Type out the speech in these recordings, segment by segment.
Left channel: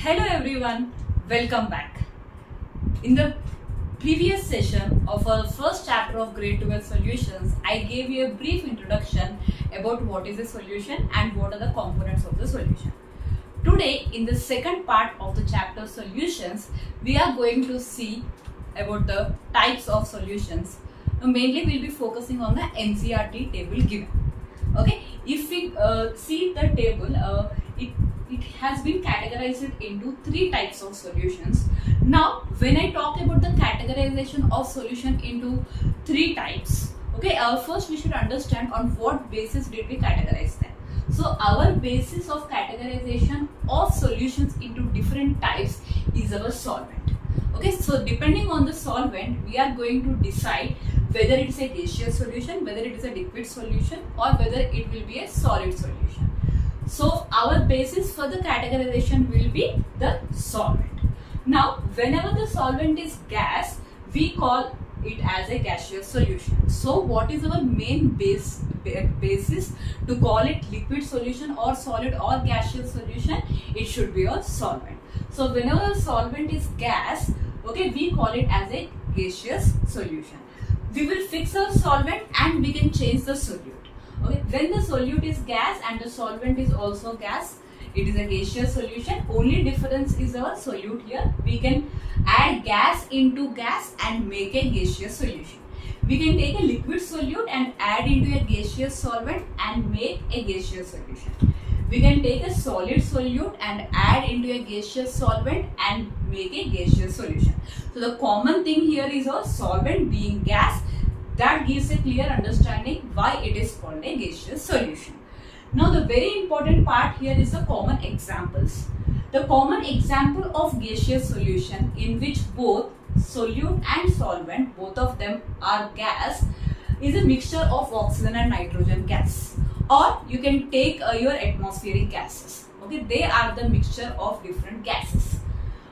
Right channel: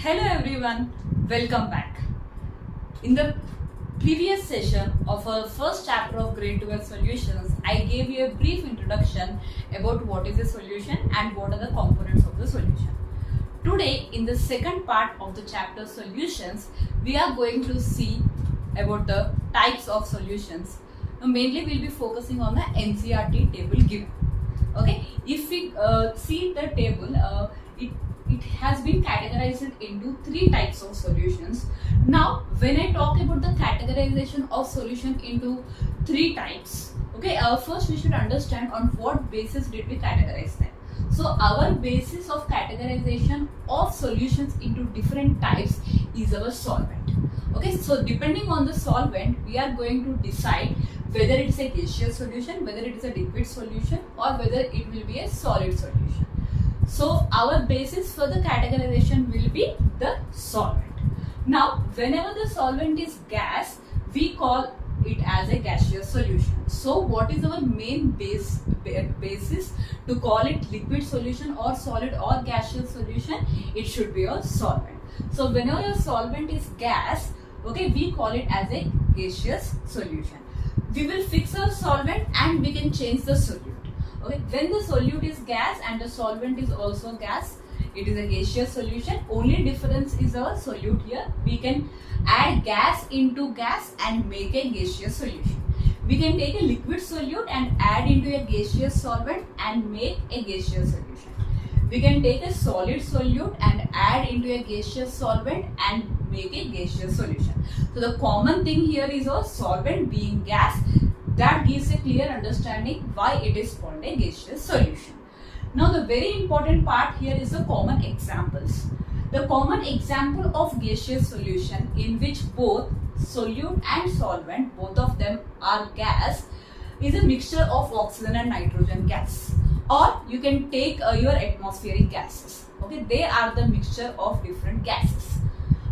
Hello everyone, welcome back. In the previous session of our first chapter of grade 12 solutions, I gave you a brief introduction about what is a solution and what are the components of the solution. Today, in the second part of the chapter solutions, we are going to see about the types of solutions. Mainly we'll be focusing on the NCERT table given. Okay, if we see the table, it has been categorized into three types of solutions. Now, when I talk about the categorization of solution into three types, okay, first we should understand on what basis did we categorize them. So, our basis of categorization of solutions into different types is our solvent. Okay, so depending on the solvent, we are going to decide whether it is a gaseous solution, whether it is a liquid solution, or whether it will be a solid solution. So our basis for the categorization will be the solvent. Now, whenever the solvent is gas, we call it as a gaseous solution. So what is our main basis to call it liquid solution or solid or gaseous solution? It should be a solvent. So whenever a solvent is gas, okay, we call it as a gaseous solution. We will fix our solvent and we can change the solute. Okay, when the solute is gas and the solvent is also gas, it is a gaseous solution. Only difference is our solute here. We can add gas into gas and make a gaseous solution. We can take a liquid solute and add into a gaseous solvent and make a gaseous solution. We can take a solid solute and add into a gaseous solvent and make a gaseous solution. So the common thing here is our solvent being gas. That gives a clear understanding why it is called a gaseous solution. Now the very important part here is the common examples. The common example of gaseous solution in which both solute and solvent, both of them are gas, is a mixture of oxygen and nitrogen gas. Or you can take your atmospheric gases. Okay, they are the mixture of different gases.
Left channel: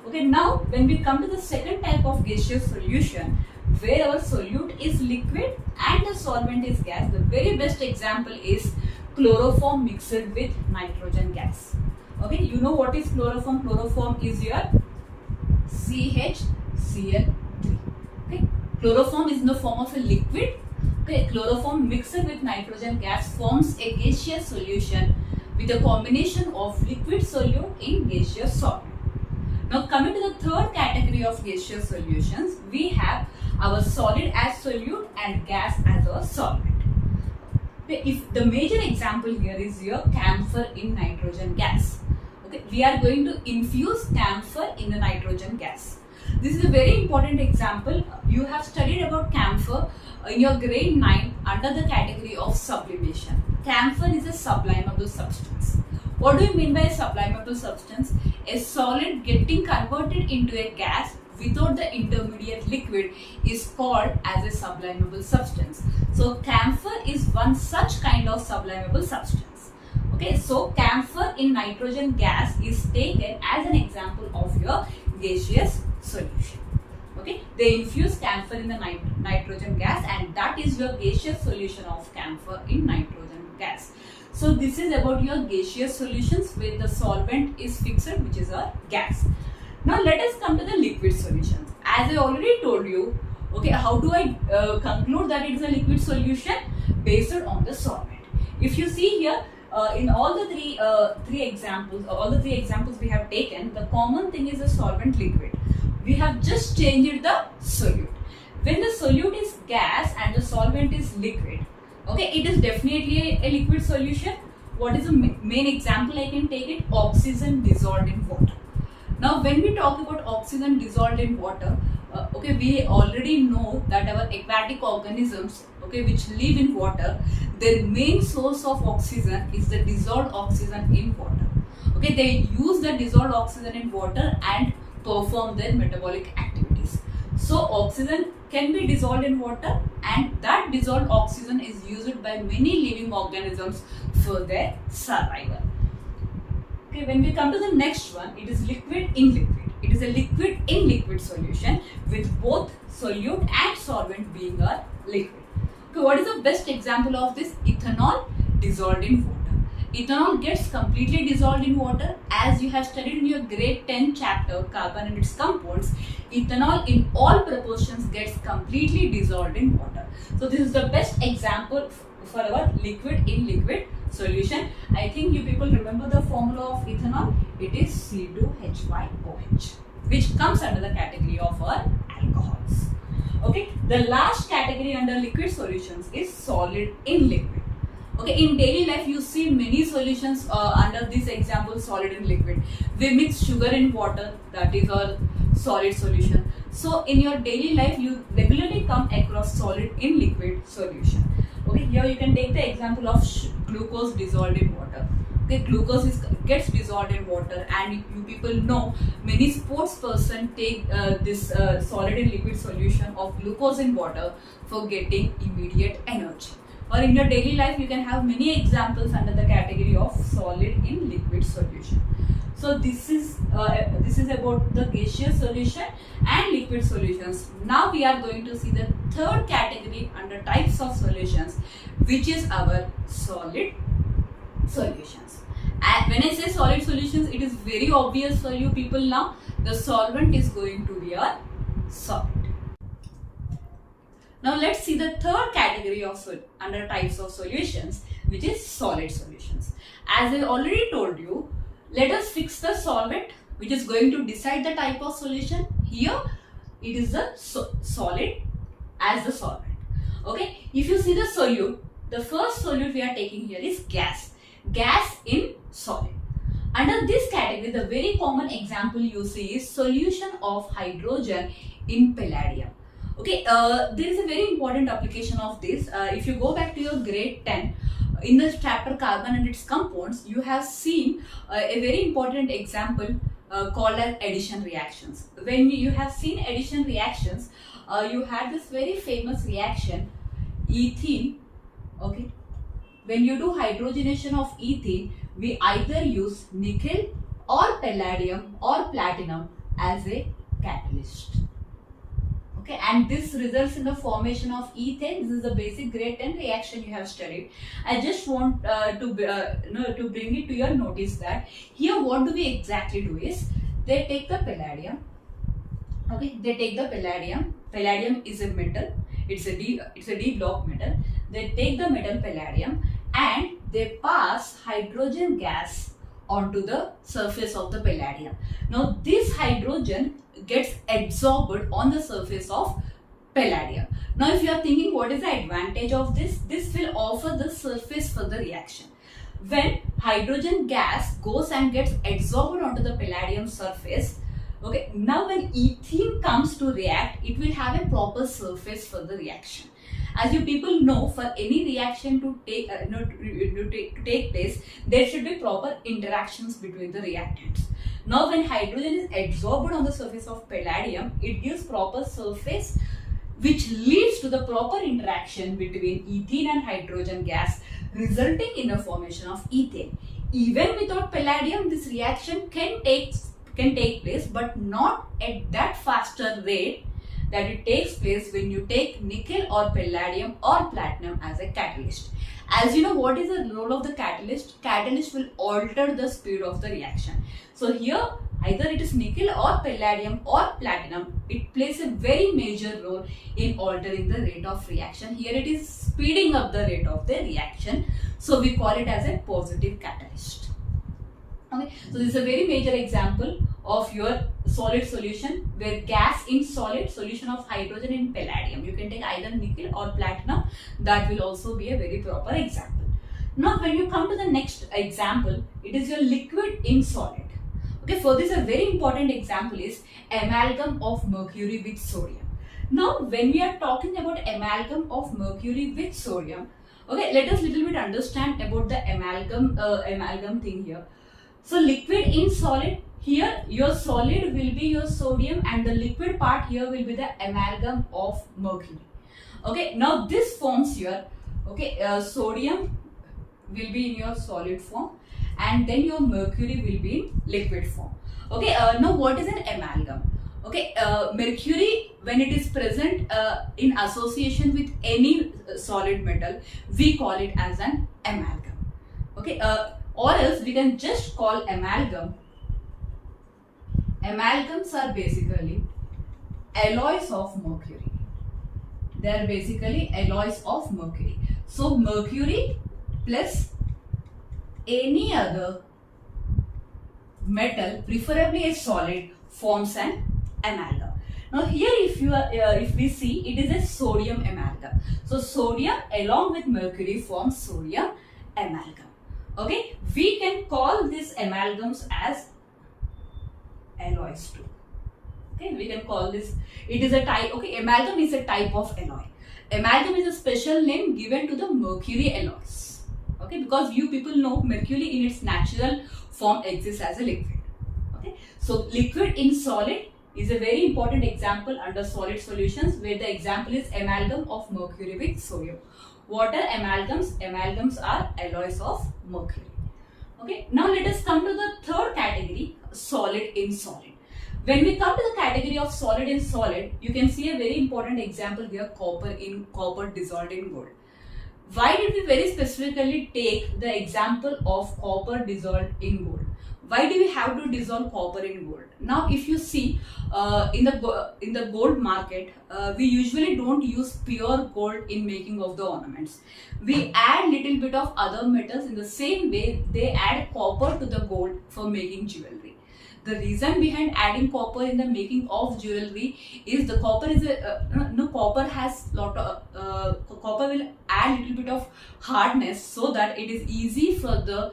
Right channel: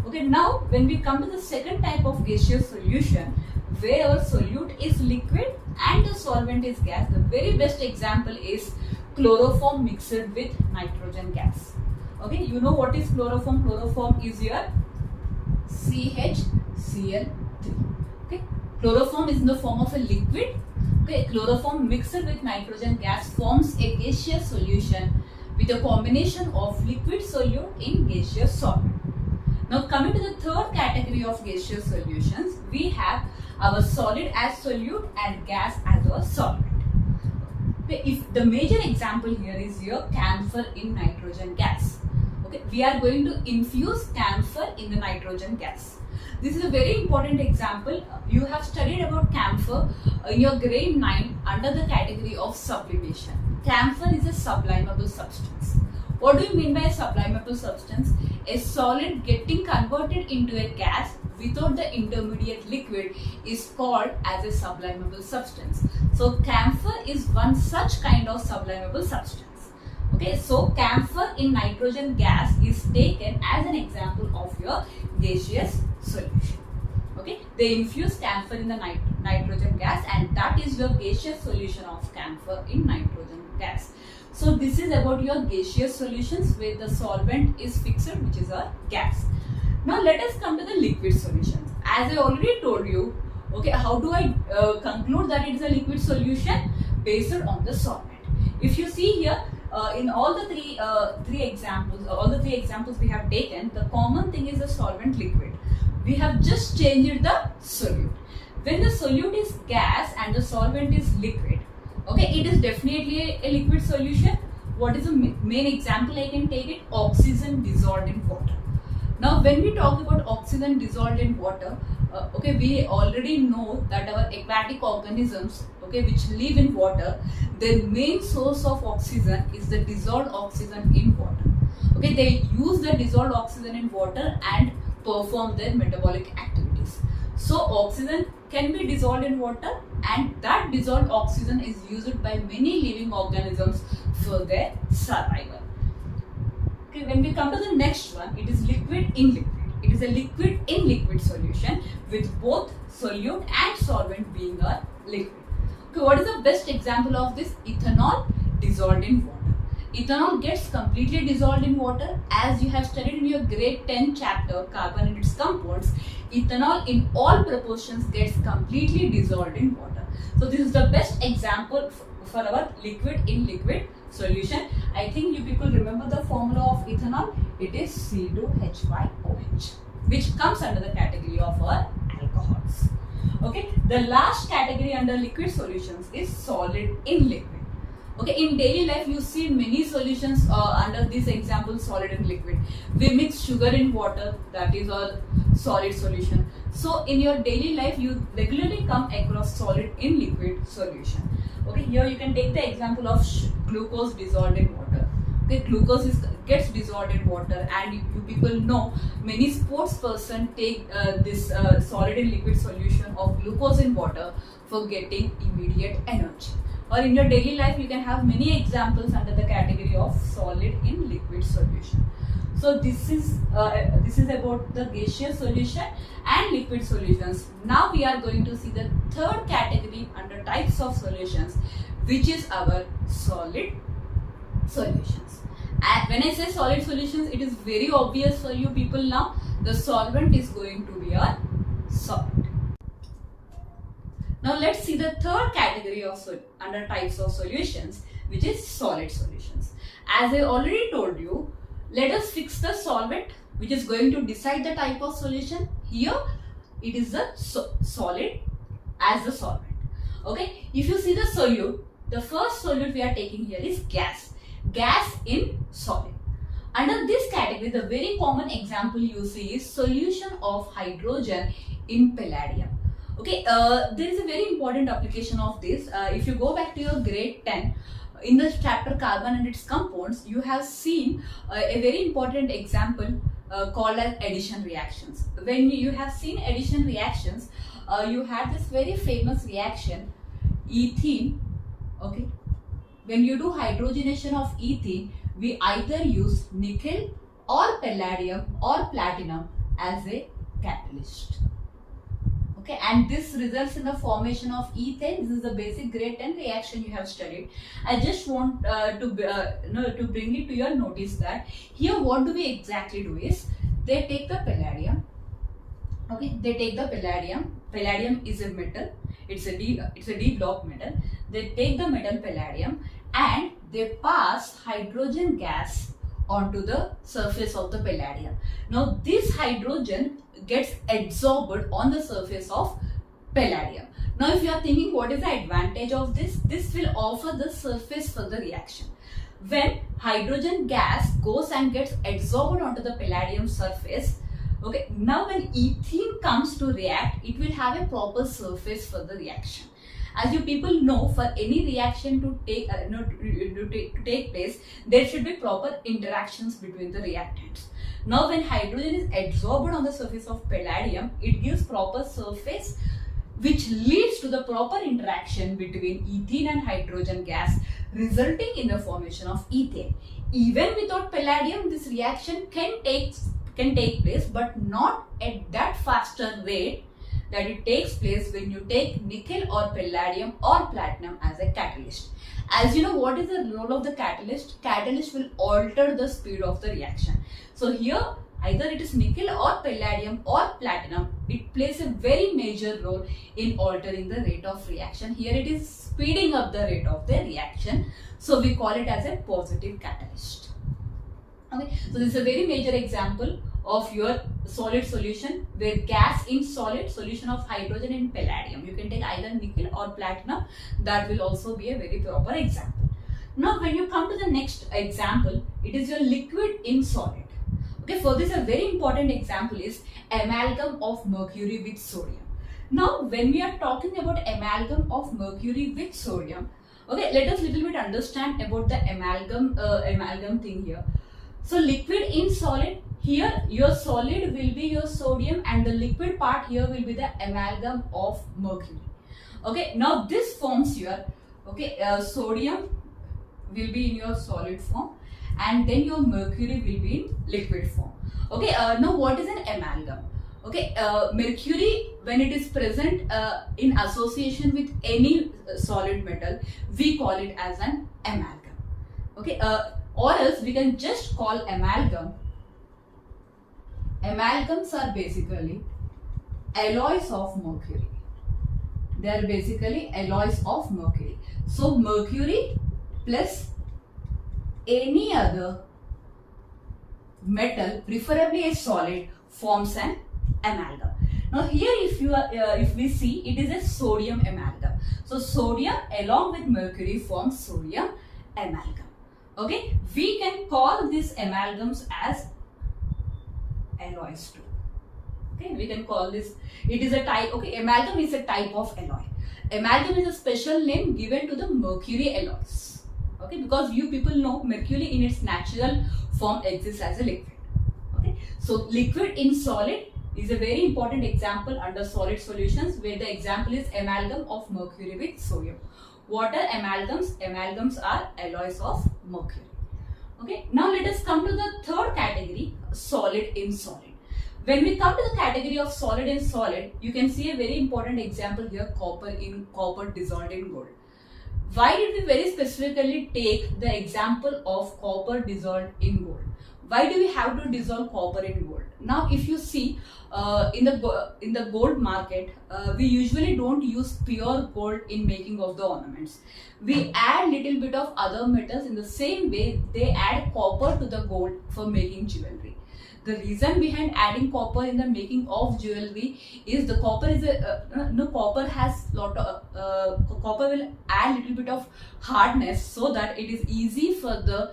Okay, now when we come to the second type of gaseous solution, where our solute is liquid and the solvent is gas, the very best example is chloroform mixed with nitrogen gas. Okay, you know what is chloroform? Chloroform is your CHCl3. Okay, chloroform is in the form of a liquid. Okay, chloroform mixed with nitrogen gas forms a gaseous solution with a combination of liquid solute in gaseous solvent. Now coming to the third category of gaseous solutions, we have our solid as solute and gas as our solvent. If the major example here is your camphor in nitrogen gas. Okay, we are going to infuse camphor in the nitrogen gas. This is a very important example. You have studied about camphor in your grade 9 under the category of sublimation. Camphor is a sublimable substance. What do you mean by a sublimable substance? A solid getting converted into a gas without the intermediate liquid is called as a sublimable substance. So camphor is one such kind of sublimable substance. Okay, so camphor in nitrogen gas is taken as an example of your gaseous solution. Okay, they infuse camphor in the nitrogen gas and that is your gaseous solution of camphor in nitrogen gas. So this is about your gaseous solutions where the solvent is fixed, which is a gas. Now let us come to the liquid solutions. As I already told you, okay, how do I conclude that it is a liquid solution? Based on the solvent. If you see here, in all the three examples we have taken, the common thing is the solvent liquid. We have just changed the solute. When the solute is gas and the solvent is liquid, okay, it is definitely a liquid solution. What is the main example I can take it? Oxygen dissolved in water. Now when we talk about oxygen dissolved in water, okay, we already know that our aquatic organisms, okay, which live in water, their main source of oxygen is the dissolved oxygen in water. Okay, they use the dissolved oxygen in water and perform their metabolic activities. So oxygen can be dissolved in water and that dissolved oxygen is used by many living organisms for their survival. Okay, when we come to the next one, it is liquid in liquid. It is a liquid in liquid solution with both solute and solvent being a liquid. Okay, what is the best example of this? Ethanol dissolved in water. ethanol gets completely dissolved in water. As you have studied in your grade 10 chapter, carbon and its compounds, ethanol in all proportions gets completely dissolved in water. So this is the best example for our liquid in liquid solution. I think you people remember the formula of ethanol. It is C2H5OH, which comes under the category of our alcohols. Okay, the last category under liquid solutions is solid in liquid. Okay, in daily life you see many solutions under this example, solid in liquid. We mix sugar in water, that is our solid solution. So in your daily life you regularly come across solid in liquid solution. Okay, here you can take the example of glucose dissolved in water. Okay, glucose gets dissolved in water, and you people know many sports person take this solid in liquid solution of glucose in water for getting immediate energy. Or in your daily life you can have many examples under the category of solid in liquid solution. So this is about the gaseous solution and liquid solutions. Now we are going to see the third category under types of solutions, which is our solid solutions. And when I say solid solutions, it is very obvious for you people now. The solvent is going to be a solid. Now let's see the third category of under types of solutions, which is solid solutions. As I already told you, let us fix the solvent, which is going to decide the type of solution. Here it is the solid as the solvent. Okay, if you see the solute, the first solute we are taking here is gas. Gas in solid. Under this category, the very common example you see is solution of hydrogen in palladium. Okay, there is a very important application of this. If you go back to your grade 10, in the chapter carbon and its compounds, you have seen a very important example called as addition reactions. When you have seen addition reactions, you had this very famous reaction, ethene. Okay, when you do hydrogenation of ethene, we either use nickel or palladium or platinum as a catalyst. Okay, and this results in the formation of ethane. This is the basic grade 10 reaction you have studied. I just want to bring it to your notice that here what do we exactly do is, they take the palladium. Okay, they take the palladium. Palladium is a metal. It's a D block metal. They take the metal palladium and they pass hydrogen gas onto the surface of the palladium. Now this hydrogen gets absorbed on the surface of palladium. Now if you are thinking what is the advantage of this, this will offer the surface for the reaction. When hydrogen gas goes and gets absorbed onto the palladium surface, okay, now when ethene comes to react, it will have a proper surface for the reaction. As you people know, for any reaction to take place, there should be proper interactions between the reactants. Now when hydrogen is absorbed on the surface of palladium, it gives proper surface which leads to the proper interaction between ethene and hydrogen gas, resulting in the formation of ethane. Even without palladium, this reaction can take place, but not at that faster rate that it takes place when you take nickel or palladium or platinum as a catalyst. As you know, what is the role of the catalyst? Catalyst will alter the speed of the reaction. So here either it is nickel or palladium or platinum, it plays a very major role in altering the rate of reaction. Here it is speeding up the rate of the reaction. So we call it as a positive catalyst. Okay, so this is a very major example of your solid solution where gas in solid, solution of hydrogen in palladium. You can take either nickel or platinum. That will also be a very proper example. Now when you come to the next example, it is your liquid in solid. Okay, for this a very important example is amalgam of mercury with sodium. Now when we are talking about amalgam of mercury with sodium, okay, let us little bit understand about the amalgam thing here. So liquid in solid, here your solid will be your sodium and the liquid part here will be the amalgam of mercury. Okay, now this forms your, okay, sodium will be in your solid form and then your mercury will be in liquid form. Okay, now what is an amalgam? Okay, mercury, when it is present in association with any solid metal, we call it as an amalgam. Okay, or else we can just call amalgam. Amalgams are basically alloys of mercury. They are basically alloys of mercury. So mercury plus any other metal, preferably a solid, forms an amalgam. Now here if we see, it is a sodium amalgam. So sodium along with mercury forms sodium amalgam. Okay, we can call these amalgams as alloys too. Okay, we can call this, it is a type, okay, amalgam is a type of alloy. Amalgam is a special name given to the mercury alloys. Okay, because you people know mercury in its natural form exists as a liquid. Okay, so liquid in solid is a very important example under solid solutions, where the example is amalgam of mercury with sodium. What are amalgams? Amalgams are alloys of mercury. Okay, now let us come to the third category, solid in solid. When we come to the category of solid in solid, you can see a very important example here, copper dissolved in gold. Why did we very specifically take the example of copper dissolved in gold? Why do we have to dissolve copper in gold? Now, if you see in the gold market, we usually don't use pure gold in making of the ornaments. We add little bit of other metals. In the same way, they add copper to the gold for making jewelry. The reason behind adding copper in the making of jewelry is the copper is copper has copper will add little bit of hardness, so that it is easy for the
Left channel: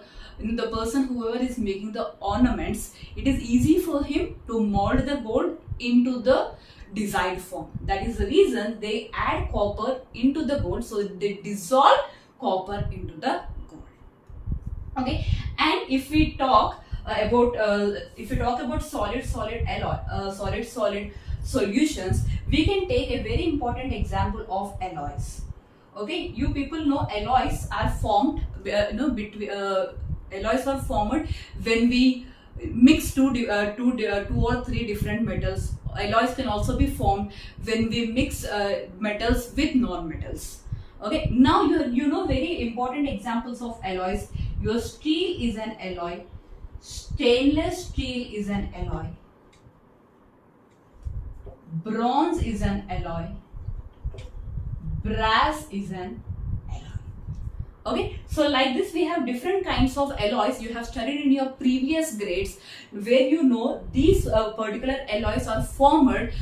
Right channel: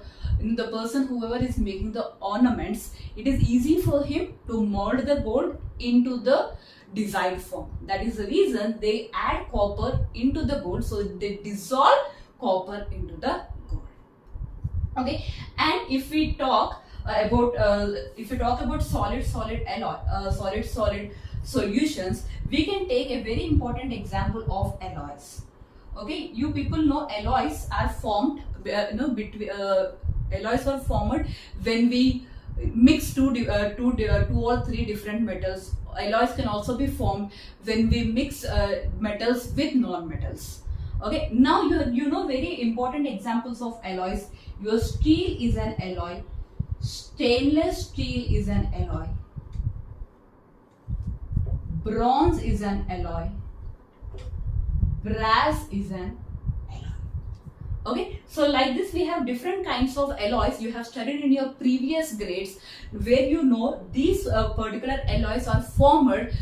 person whoever is making the ornaments, it is easy for him to mold the gold into the desired form. That is the reason they add copper into the gold, so they dissolve copper into the gold. Okay, and if we talk about solid solutions, we can take a very important example of alloys. Okay, you people know alloys are formed alloys are formed when we mix two or three different metals. Alloys can also be formed when we mix metals with non-metals. Okay, now you know very important examples of alloys. Your steel is an alloy. Stainless steel is an alloy. Bronze is an alloy. Brass is an alloy. Okay, so like this we have different kinds of alloys. You have studied in your previous grades, where you know these particular alloys are formed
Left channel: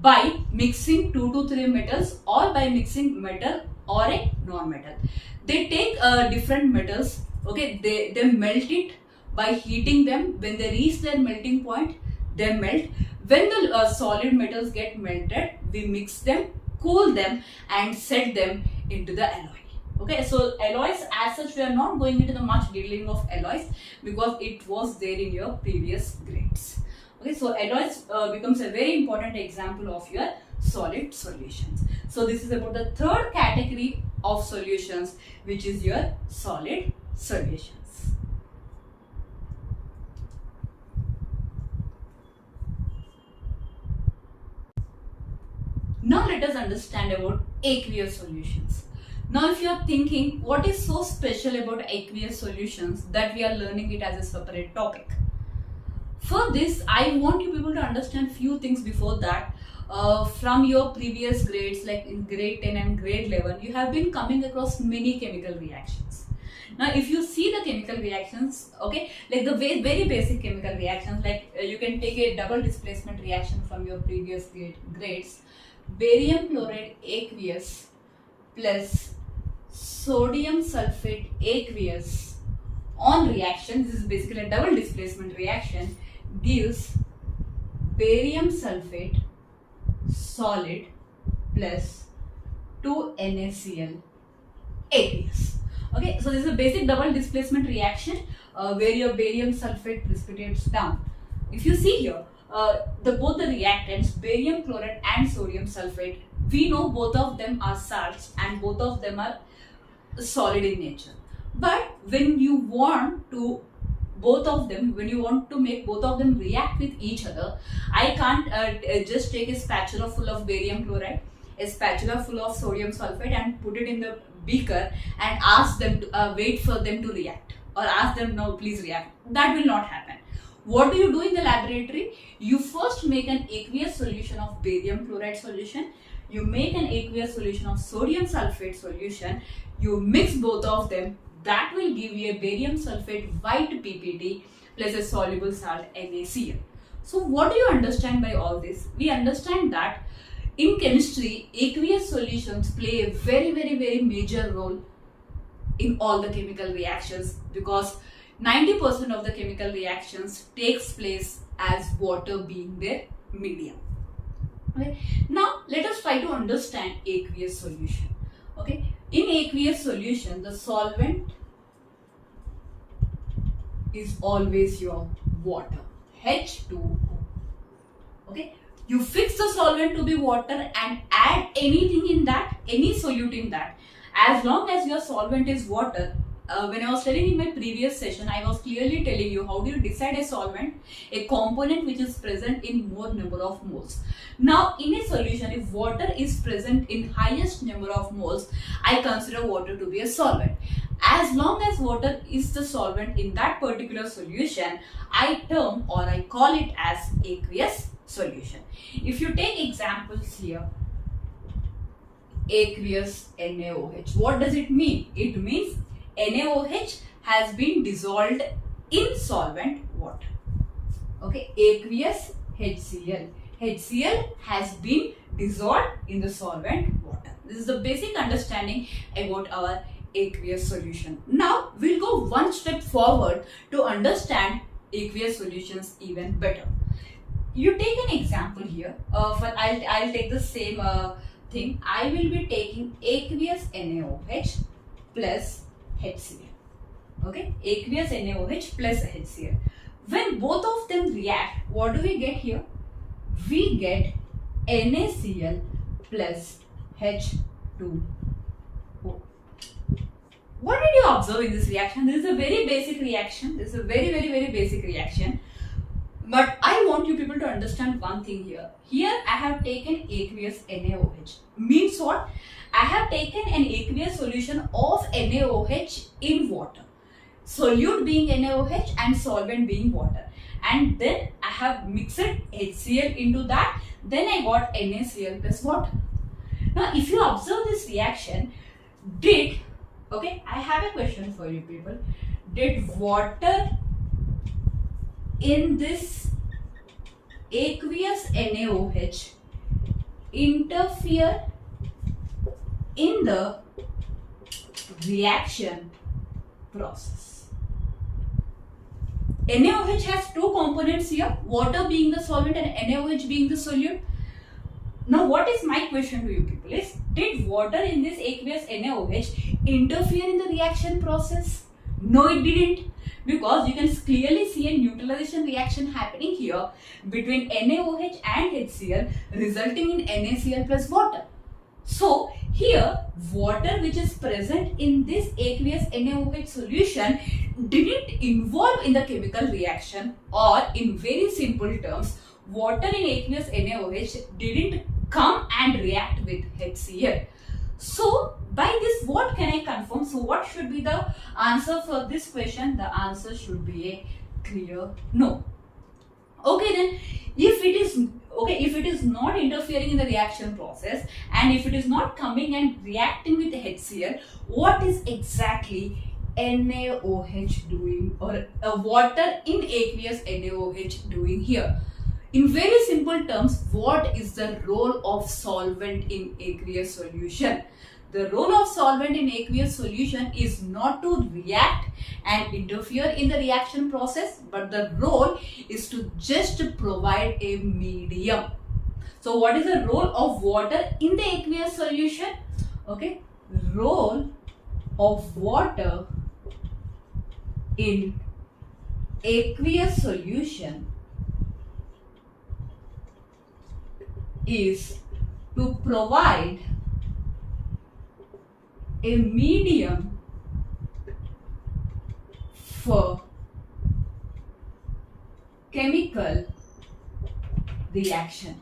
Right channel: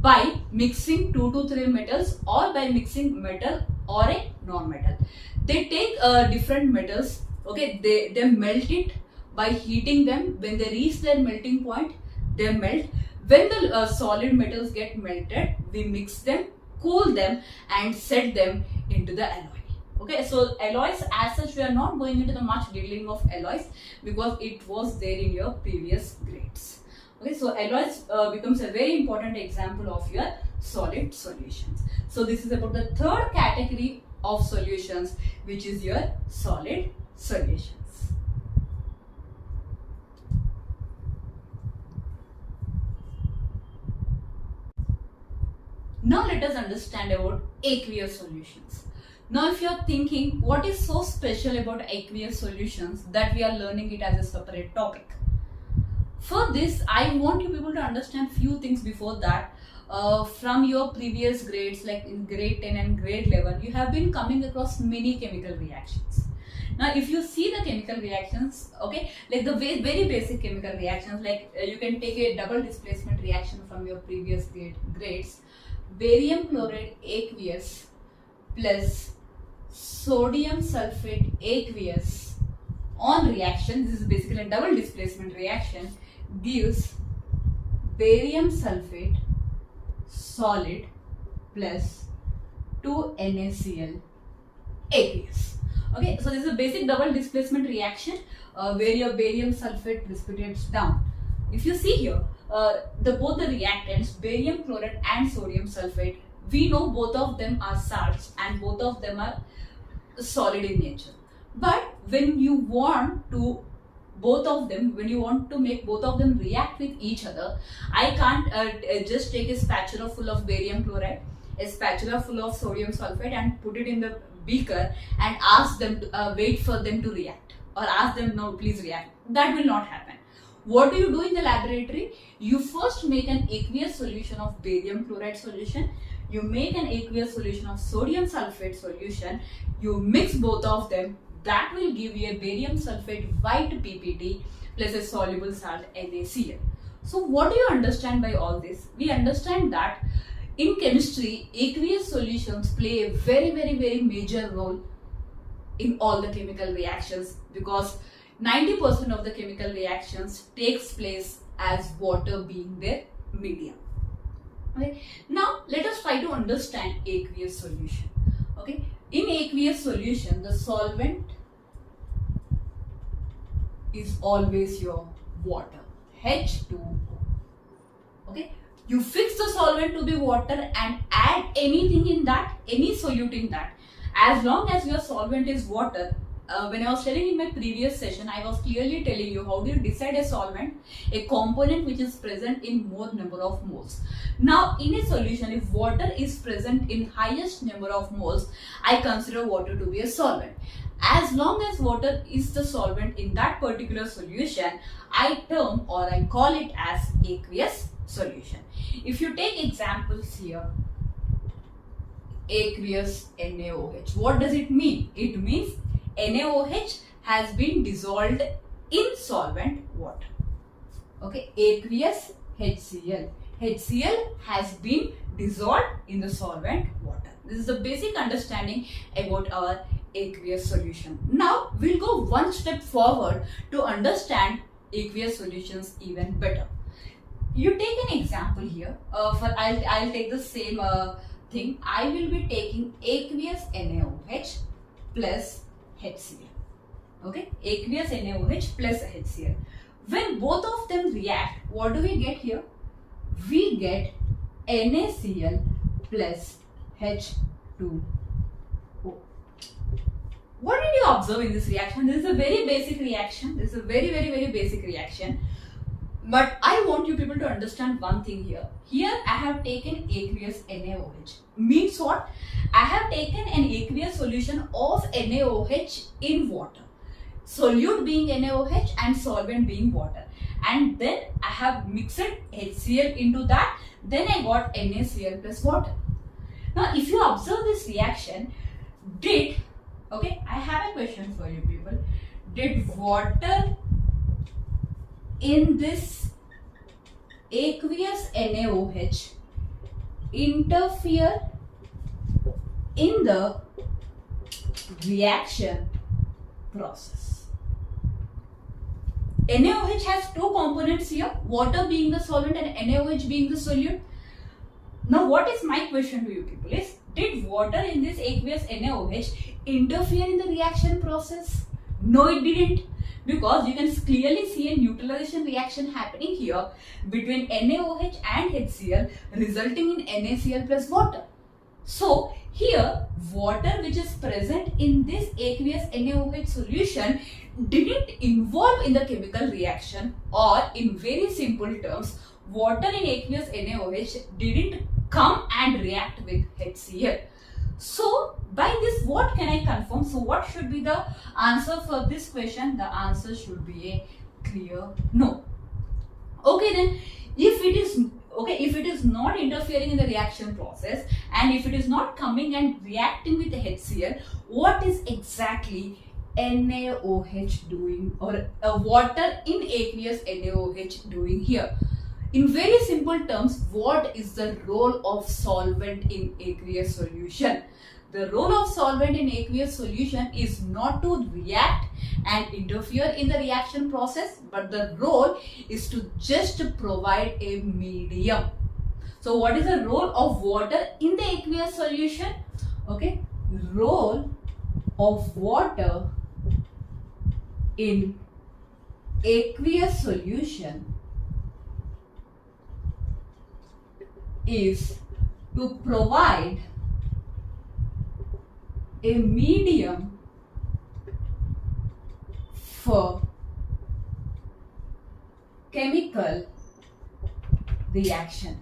by mixing 2 to 3 metals, or by mixing metal or a non-metal. They take different metals. Okay, they melt it by heating them. When they reach their melting point, they melt. When the solid metals get melted, we mix them, cool them, and set them into the alloy. Okay, so alloys as such, we are not going into the much detailing of alloys because it was there in your previous grades. Okay, so alloys becomes a very important example of your solid solutions. So this is about the third category of solutions, which is your solid solutions. Now let us understand about aqueous solutions. Now if you are thinking what is so special about aqueous solutions that we are learning it as a separate topic. For this, I want you people to understand few things before that. From your previous grades, like in grade 10 and grade 11, you have been coming across many chemical reactions. Now if you see the chemical reactions, okay, like the very basic chemical reactions, like you can take a double displacement reaction from your previous grades. Barium chloride aqueous plus sodium sulfate aqueous on reaction, this is basically a double displacement reaction, gives barium sulfate solid plus 2 NaCl aqueous. Okay, so this is a basic double displacement reaction where your barium sulfate precipitates down. If you see here, both the reactants, barium chloride and sodium sulfate, we know both of them are salts and both of them are solid in nature. But when you want to make both of them react with each other, I can't just take a spatula full of barium chloride, a spatula full of sodium sulfate and put it in the beaker and ask them to wait for them to react. or ask them, no, please react. That will not happen. What do you do in the laboratory? You first make an aqueous solution of barium chloride solution. You make an aqueous solution of sodium sulfate solution. You mix both of them. That will give you a barium sulfate white PPT plus a soluble salt NaCl. So what do you understand by all this? We understand that in chemistry, aqueous solutions play a very major role in all the chemical reactions, because 90% of the chemical reactions takes place as water being their medium. Okay. Now let us try to understand aqueous solution. Okay. In aqueous solution, the solvent is always your water, H2O. Okay. You fix the solvent to be water and add anything in that, any solute in that. As long as your solvent is water, when I was studying in my previous session, I was clearly telling you how do you decide a solvent, a component which is present in more number of moles. Now in a solution, if water is present in highest number of moles, I consider water to be a solvent. As long as water is the solvent in that particular solution, I term or I call it as aqueous solution. If you take examples here, aqueous NaOH, what does it mean? It means NaOH has been dissolved in solvent water. Okay, aqueous HCl. HCl has been dissolved in the solvent water. This is the basic understanding about our aqueous solution. Now we'll go one step forward to understand aqueous solutions even better. You take an example here. I'll take the same thing. I will be taking aqueous NaOH plus HCl. Okay, aqueous NaOH plus HCl. When both of them react, what do we get here? We get NaCl plus H2O. What did you observe in this reaction? This is a very basic reaction. This is a very basic reaction. But I want you people to understand one thing here. Here I have taken aqueous NaOH. Means what? I have taken an aqueous solution of NaOH in water. Solute being NaOH and solvent being water. And then I have mixed HCl into that. Then I got NaCl plus water. Now if you observe this reaction, I have a question for you people. Did water in this aqueous NaOH interfere in the reaction process? NaOH has two components here, water being the solvent and NaOH being the solute. Now what is my question to you people is, did water in this aqueous NaOH interfere in the reaction process? No, it didn't. Because you can clearly see a neutralization reaction happening here between NaOH and HCl, resulting in NaCl plus water. So here water which is present in this aqueous NaOH solution didn't involve in the chemical reaction, or in very simple terms, water in aqueous NaOH didn't come and react with HCl. So by this, what can I confirm? So what should be the answer for this question? The answer should be a clear no. Okay, then if it is not interfering in the reaction process and if it is not coming and reacting with HCl, what is exactly NaOH doing, or water in aqueous NaOH doing here? In very simple terms, what is the role of solvent in aqueous solution? The role of solvent in aqueous solution is not to react and interfere in the reaction process, but the role is to just provide a medium. So what is the role of water in the aqueous solution? Okay, role of water in aqueous solution is to provide a medium for chemical reaction.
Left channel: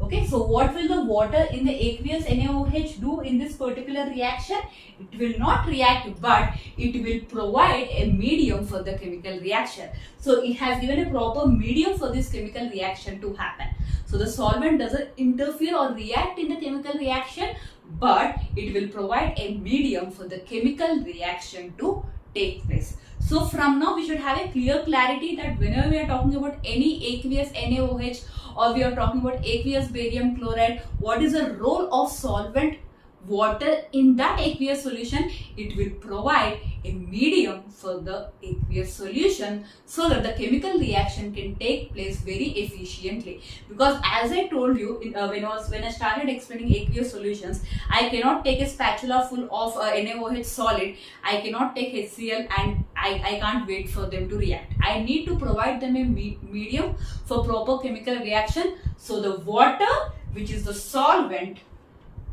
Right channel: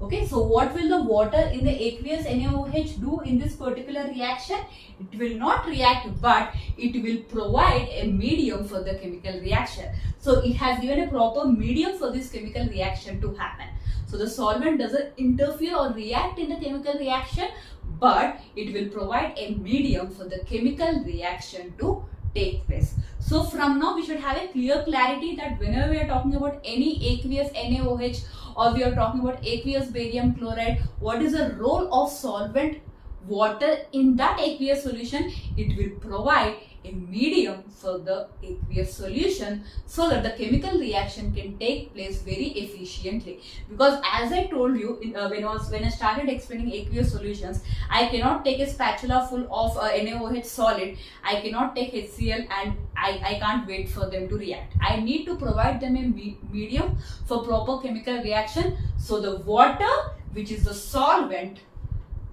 Okay, so what will the water in the aqueous NaOH do in this particular reaction? It will not react, but it will provide a medium for the chemical reaction. So it has given a proper medium for this chemical reaction to happen. So the solvent doesn't interfere or react in the chemical reaction, but it will provide a medium for the chemical reaction to take place. So from now we should have a clear clarity that whenever we are talking about any aqueous NaOH or we are talking about aqueous barium chloride, what is the role of solvent water in that aqueous solution? It will provide a medium for the aqueous solution so that the chemical reaction can take place very efficiently. Because as I told you when I started explaining aqueous solutions, I cannot take a spatula full of NaOH solid, I cannot take HCl and I can't wait for them to react. I need to provide them a medium for proper chemical reaction. So the water, which is the solvent,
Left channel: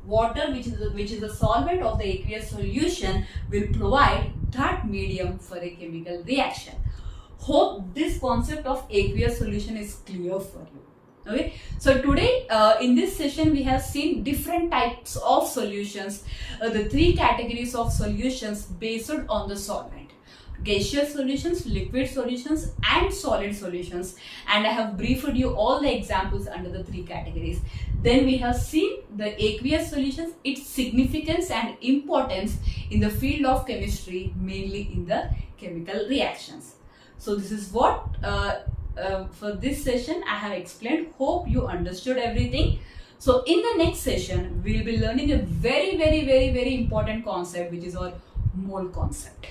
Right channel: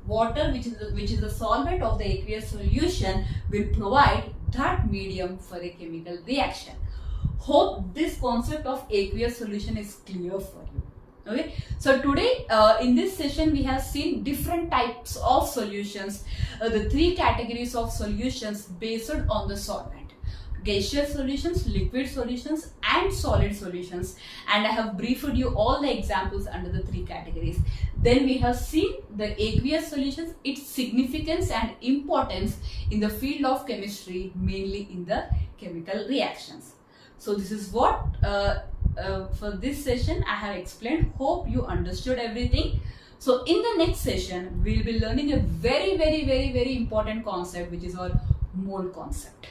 which is the solvent of the aqueous solution, will provide that medium for a chemical reaction. Hope this concept of aqueous solution is clear for you. Okay, so today in this session we have seen different types of solutions, the three categories of solutions based on the solvent: gaseous solutions, liquid solutions and solid solutions, and I have briefed you all the examples under the three categories. Then we have seen the aqueous solutions, its significance and importance in the field of chemistry, mainly in the chemical reactions. So this is what for this session I have explained. Hope you understood everything. So in the next session we will be learning a very important concept, which is our mole concept.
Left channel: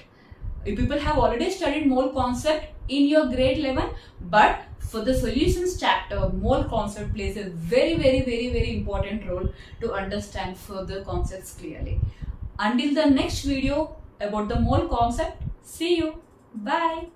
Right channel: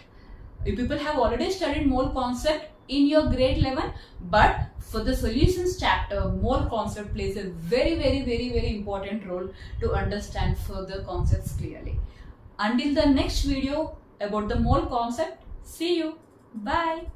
You people have already studied mole concept in your grade 11, but for the solutions chapter, mole concept plays a very important role to understand further concepts clearly. Until the next video about the mole concept, see you. Bye.